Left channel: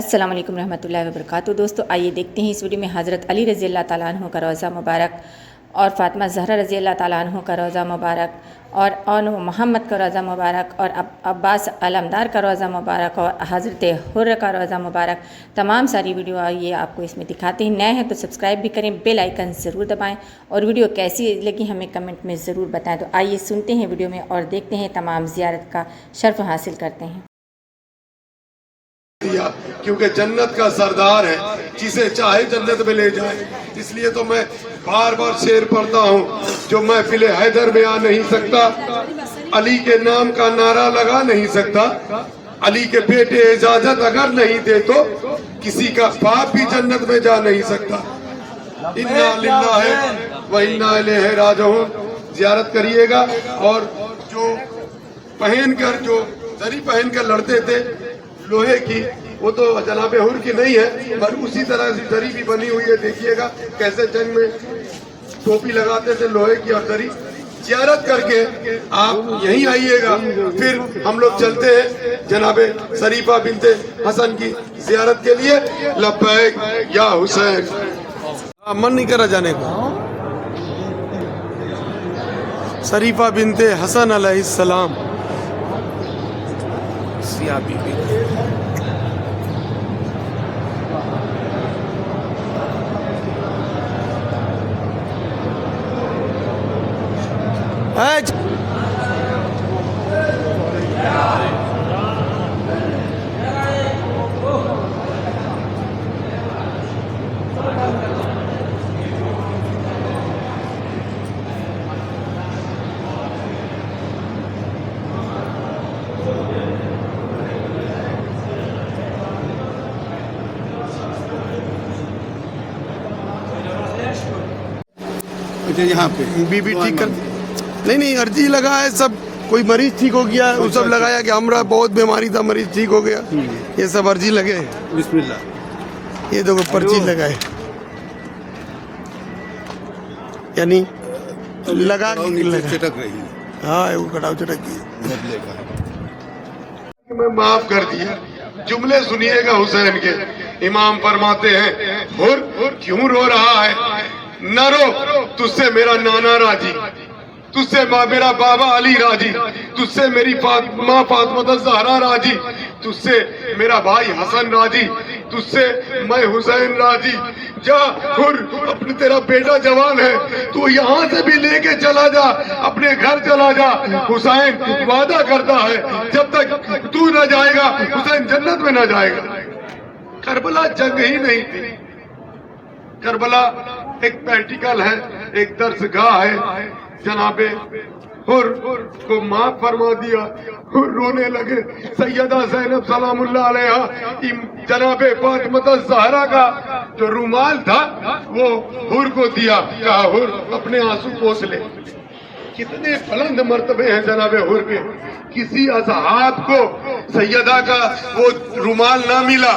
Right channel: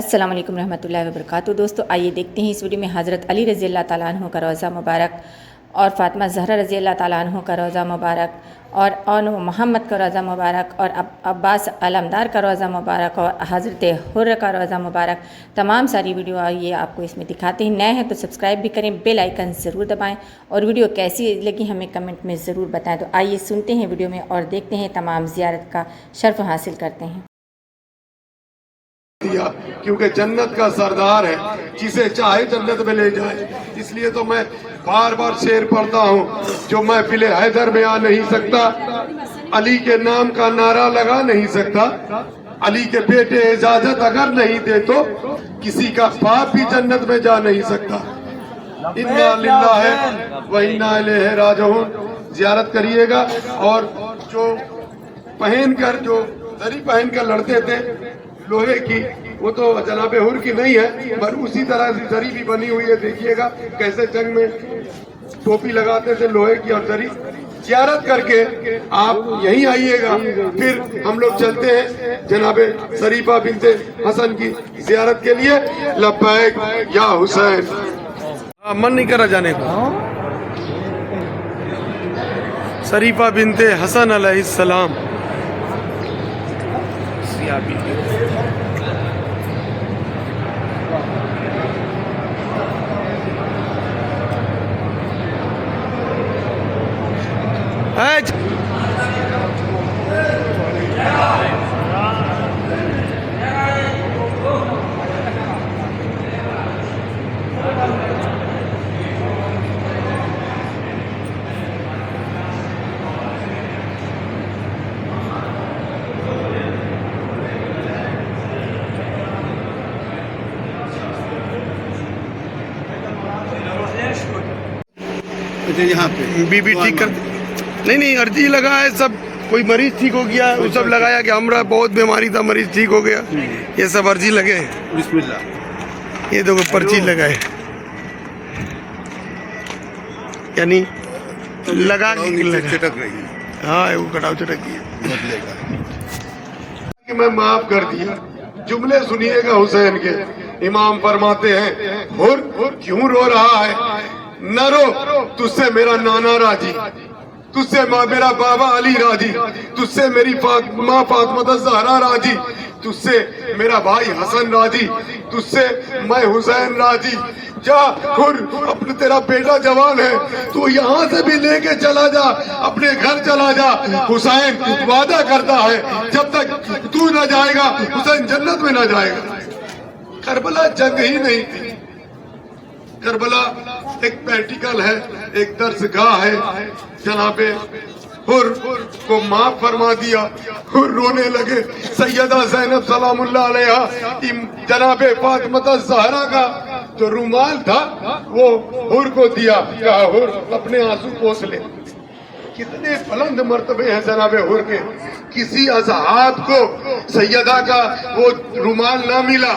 अस्सलाम वालेकुम रहमतुल्लाहि व बरकातहू। दोस्तों आइए देखते हैं इस वीडियो में हज़रत अली रज़ी अल्लाह ताला अन्हु का रोज़ा मुबारक और फ़ातिमा ज़हरा रज़ी अल्लाह ताला अन्हु का रोज़ा मुबारक और मोहम्मद का रोज़ा मुबारक और अब्बास अलमदार का रोज़ा मुबारक और हज़रत हुर्र का रोज़ा मुबारक। तमाम सारी वीडियो आइए आपको इसमें दिखाते हैं। नए हैं तो सब्सक्राइब भी करें, बेल आइकन ज़रूर दबाएं और वीडियो कैसी लगी हमें कमेंट में ज़रूर बताएं। तो आइए सुनते हैं वीडियो में और देखते हैं, तमाम ज़ियारत का शर्फ हासिल करते हैं। दिया क्योंकि जन्नत का सरदार है, जिसे चाहे जन्नत में ले जाए। इसलिए तो मैं बार बार शेर पढ़ता हूँ, जो महफिल हैदर में आ नहीं सकता, अली के नाम का नारा लगा नहीं सकता, अली के बेटे इजाजत अगर नहीं दे तो किसी का बाप भी जन्नत में जा नहीं सकता। इन्ना लिल्लाहि व इन्ना इलैहि राजिऊन। जियारत करिएगा। और जो पहनकर जो दरी पहनकर लड़ते थे लोहे की, वो तो जनाब हुर की नहीं है, पर उसी तरह से दरी भी बनी हुई है। देखिएगा कैसे जंग में टोपी लगाते थे लोहे की और दरी। जियारत करके आप यहीं आइएगा, फिर हम लोग चलते हैं जनाबे शरीफा बिनते हसन की जियारत के लिए। लब्बैक या हुसैन। मन नहीं करा जाने को। शरीफा बिनते हसन अलैहिस्सलाम। यहाँ पे बीबी ठीक कर नहीं अर्जी लगा है। सब कोई मरीज ठीक हो गया, वो सब लगाया कि हमरा बहुत बीमारी था, मरीज ठीक हो गया, ये सब अर्जी लगे हैं। बिस्मिल्लाह। ये देखो पर्ची लगाए, यानी लगा के लगा। चटक रही है। हाँ वो कटाव चटक की बदलेगा। कि मैं माफ कर दिया। जुमले सुनिएगा हुसैन के। इमाम फरमाते हैं, हुर क्यों रो रहा है? न रो, तुझसे मेरा नाना राजी, तुझसे मेरा बाबा अली राजी, तुझसे मेरी माँ फातिमा ज़हरा राजी, तुझसे मेरा भाई हसन राजी, तुझसे मैं हुसैन राजी। जा हुर, अपने तेरा बेटा जवान है, तू यहाँ से भी लेके चला जा, अपने घर चला जा। हुसैन वादा करता है, जब तक तू न जाएगा हुसैन जन्नत में न जाएगा। करबला जंग ही नहीं थी। करबला एक प्रैक्टिकल है, एक दर्सगाह है। जनाबे हुर को माफ फरमा दिया। हुर रोने लगे। सैयदा ज़ैनब सलामुल्लाह अलैहा जनाबे फातिमा ज़हरा का जो रुमाल था वो हुर को दिया, कहा हुर अपने आंसू पोंछ ले। कितने बुलंद मर्तबे हैं जनाबे हुर के। किसी असहाब को सैयदा का वो रुमाल ना मिला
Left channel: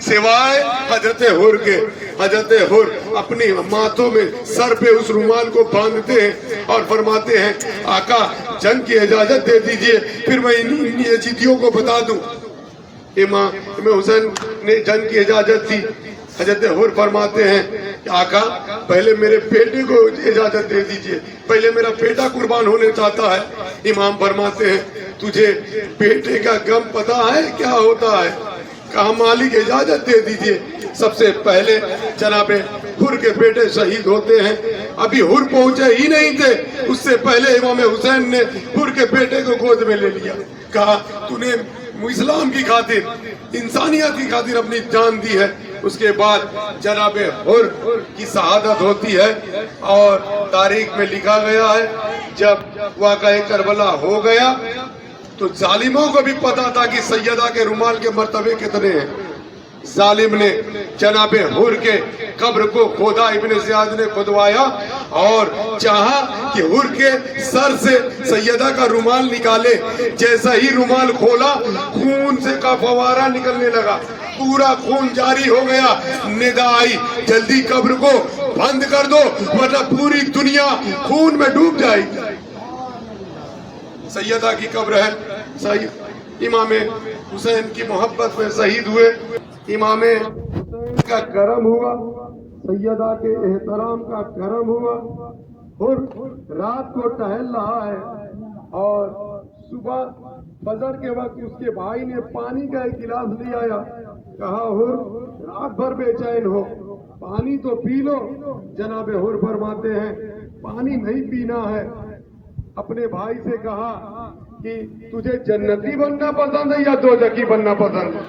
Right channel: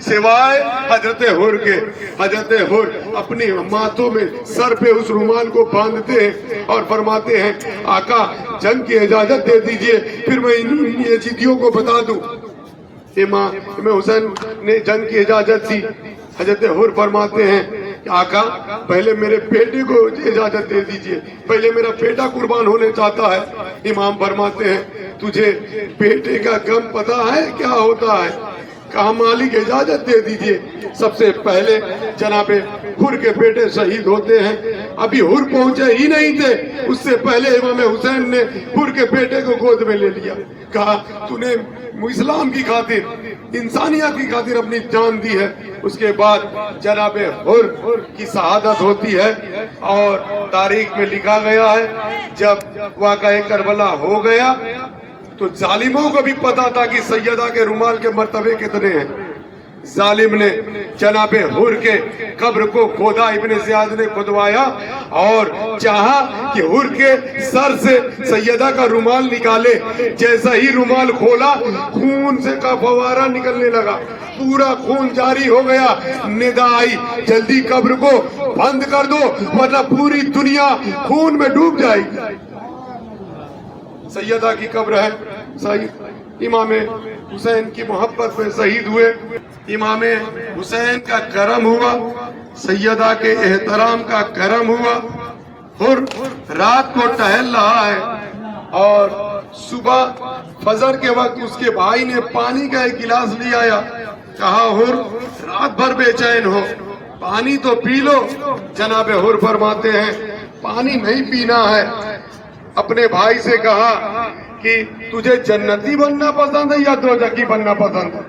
सिवाय हजरत हुर के। हजरत हुर अपनी माथों में सर पे उस रुमाल को बांधते हैं और फरमाते हैं, आका जंग की इजाजत दे दीजिए, फिर मैं इन यजीदियों को बता दूं। इमाम हुसैन ने जंग की इजाजत दी। हजरत हुर फरमाते हैं, आका पहले मेरे बेटे को इजाजत दे दीजिए, पहले मेरा बेटा कुर्बान होने चाहता है। इमाम फरमाते हैं, तुझे बेटे का गम पता है क्या होता है? कहा मालिक इजाजत दे दीजिए। सबसे पहले जनाबे हुर के बेटे शहीद होते हैं। अभी हुर पहुंचे ही नहीं थे, उससे पहले इमाम हुसैन ने हुर के बेटे को गोद में ले लिया। कहा तूने इस्लाम की खातिर, इंसानियत की खातिर अपनी जान दी है। उसके बाद जनाबे हुर की शहादत होती है और तारीख में लिखा गया है, जब वाक़या करबला हो गया तो जालिमों को भी पता था कि सैयदा के रुमाल के मर्तबे कितने हैं। जालिम ने जनाबे हुर के कब्र को खोदा, इब्ने ज़ियाद ने खुदवाया और चाहा कि हुर के सर से सैयदा का रुमाल निकाले। जैसा ही रुमाल खोला, खून से का फवारा निकलने लगा, पूरा खून जारी हो गया। निदा आई, जल्दी कब्र को बंद कर दो वरना पूरी दुनिया खून में डूब जाएगी। सैयदा की कब्र है, इमाम हुसैन की मोहब्बत में शहीद हुए। इमाम हुसैन का करम हुआ, सैयदा के एहतराम का करम हुआ। और रात को टहल रहा है और सुबह फजर के वक्त उसके भाई ने पानी का एक गिलास ले आया, कहा हुर रात भर बेचैन हो, पानी तो पी लो। जनाब हुर फरमाते हैं पानी नहीं पीना है। अपने भाई से कहा कि तुझे जन्नती बनना पसंद है या दोजखी बनना पसंद है?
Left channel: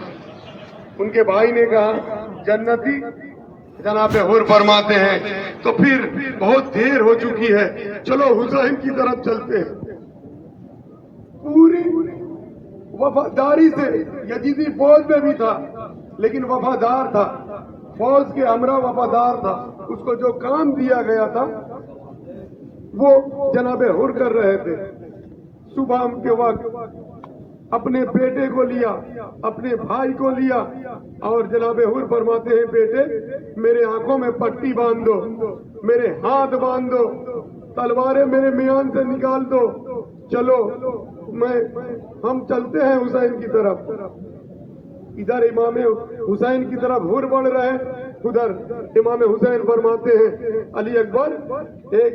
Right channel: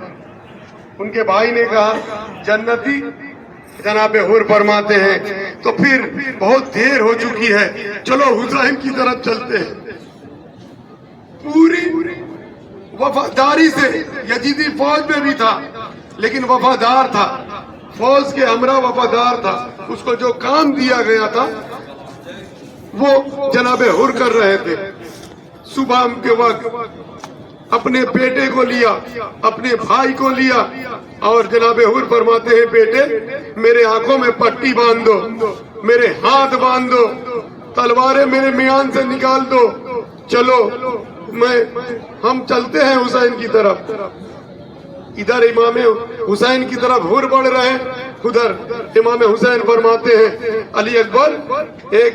उनके भाई ने कहा जन्नती। जनाब हुर फरमाते हैं तो फिर बहुत देर हो चुकी है, चलो हुसैन की तरफ चलते हैं। पूरी वफादारी से, यजीदी फौज में भी था लेकिन वफादार था, फौज के हमरा वफादार था। उसको जो काम दिया गया था वो जनाब हुर कर रहे थे। सुबह के वक्त अपने बेटे को लिया, अपने भाई को लिया और जनाब हुर फरमाते हैं बेटे मेरे आंखों में पट्टी बांध दो, मेरे हाथ बांध दो, तलवारें मेरे मियान से निकाल दो, चलो हम चलते हैं हुसैन की तरफ। इधर इमाम हुसैन की तरफ हुर बढ़ रहे हैं, उधर इमाम हुसैन फरमाते हैं अली अकबर एक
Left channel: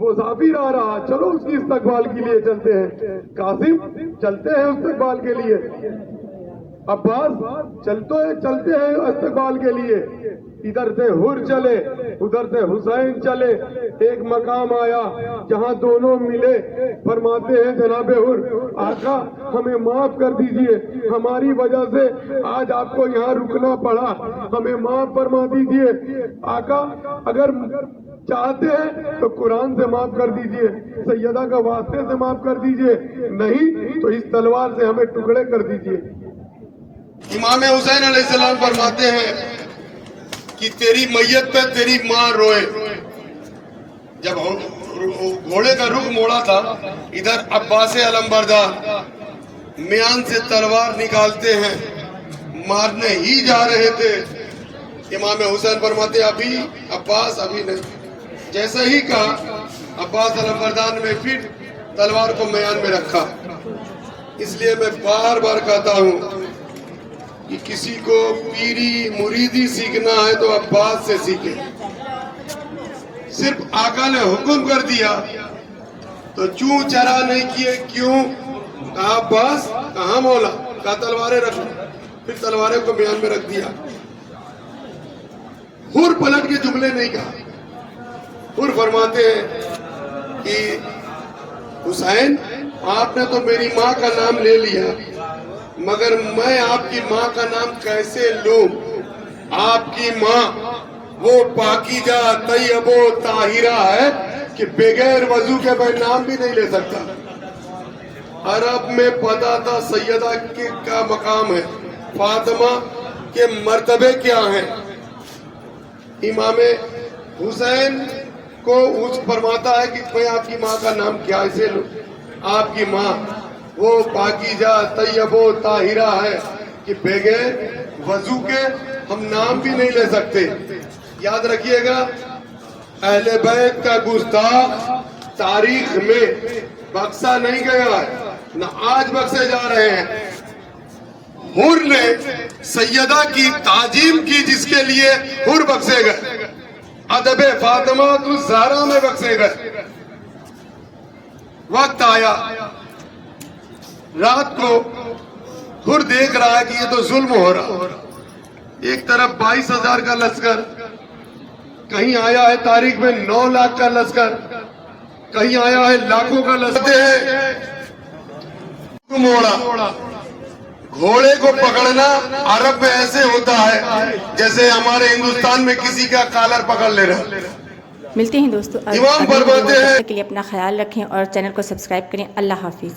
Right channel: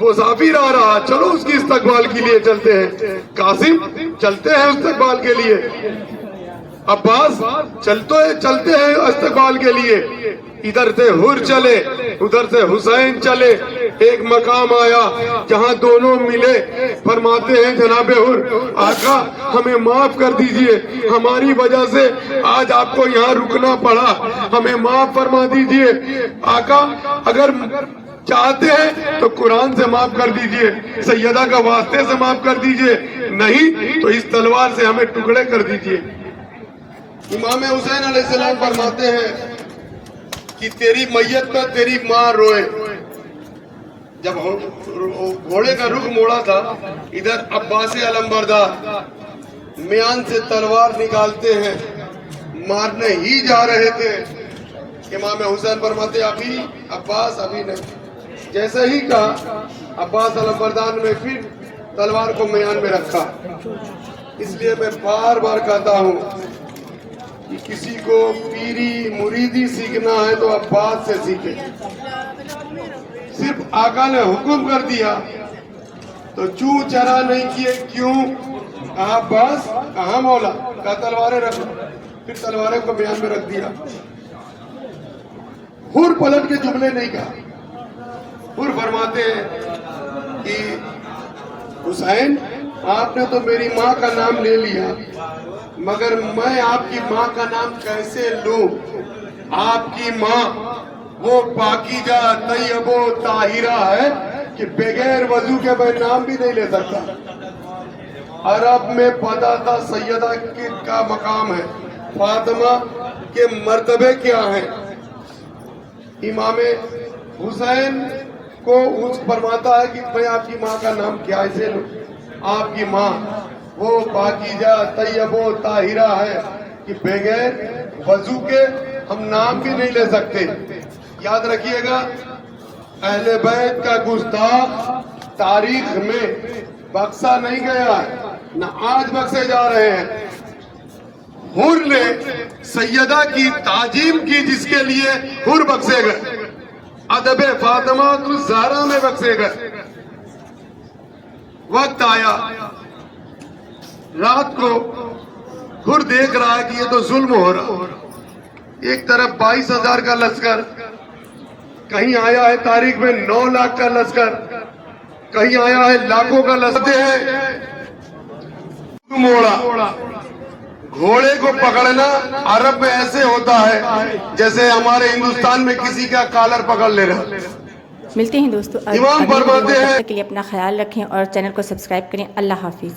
मुसाफिर आ रहा, चलो उसकी इस्तकबाल के लिए चलते हैं। कासिम चलते हैं इस्तकबाल के लिए, अब्बास चलते हैं इस्तकबाल के लिए। इधर से हुर चले, उधर से हुसैन चले। एक मकाम आया जहां दोनों मिले, फरमाते हैं जनाब हुर आका हमें माफ कर दीजिए, हमारी वजह से आज आपको यहाँ रुकना पड़ा, हमें माफ फरमा दीजिए। आका अगर चाहते हैं तो कुरान से माफ कर दीजिए, सैयदा का वास्ते से माफ कर दीजिए, नहीं तो इस तलवार से हमें टुकड़े कर दीजिए। इमाम हुसैन अलैहिस्सलाम फरमाते हैं कि तेरी मैयत पे तेरी माँ रोए। जब घोड़े का रुख मोड़ा था, इधर अब्बास अलमबरदार मियान से तलवार निकालते हैं, मारने ही जा रहे थे। इमाम हुसैन फरमाते अभी अब्बास अभी नहीं। जैसा ही कहा अब्बास अलमबरदार ने फिर तलवार को मियान में रखा। इसलिए मैं बार बार कहता हूँ कि किसी को पीरी मुरीदी सीखना है तो अब्बास से सीखे। सिर्फ आका ने हुक्म कर दिया तो चू चरा नहीं किए, क्यों? कहा अब्बास, कहा मौला, कहा तलवारें रख, फिर तलवारें को बयान में रख दिया। हुर पलट के जुमले नहीं कहा। हुर फरमाते हैं कि हुसैन आपने तो मेरी माँ का नाम ले लिया, मगर मैं आपकी माँ का नाम कैसे लूं? आपकी माँ वो पाकीजा तैयबो ताहिरा है कि बगैर वजू के मैं नाम भी नहीं ले सकता। अरब में पता था सैयदा का मकाम है, फातिमा के मर्तबे क्या हैं। इमाम हुसैन को उस फरमाता है कि मैं आपकी माँ का नाम कैसे लूं? आपकी माँ वो पाकीजा तैयबो ताहिरा है कि बगैर वजू के हम नाम भी नहीं ले सकते। याद रखिएगा, अहले बैत का गुस्ताख तारीख में बख्शा नहीं गया है, न आज बख्शे जा रहे हैं। हुर ने सैयदा की ताजीम की जिसके लिए हुर बख्शे गए, अदब फातिमा ज़हरा में बख्शे गए। वक्त आया, रात को हुर देख रहा है कि ये तो जुल्म हो रहा। एक तरफ 22,000 का लश्कर, कहीं आया है तारीख में 9 लाख का लश्कर, कहीं आया है लाखों का लश्कर। मोड़ा घोड़े को पकड़ना अरब में ऐसे होता है जैसे हमारे हिंदुस्तान में किसी का कॉलर पकड़ ले रहा। मिलते हैं दोस्तों, इमाम फरमाते हैं के लिए अपना ख्याल रखें और चैनल को सब्सक्राइब करें। अल्लाह हाफिज।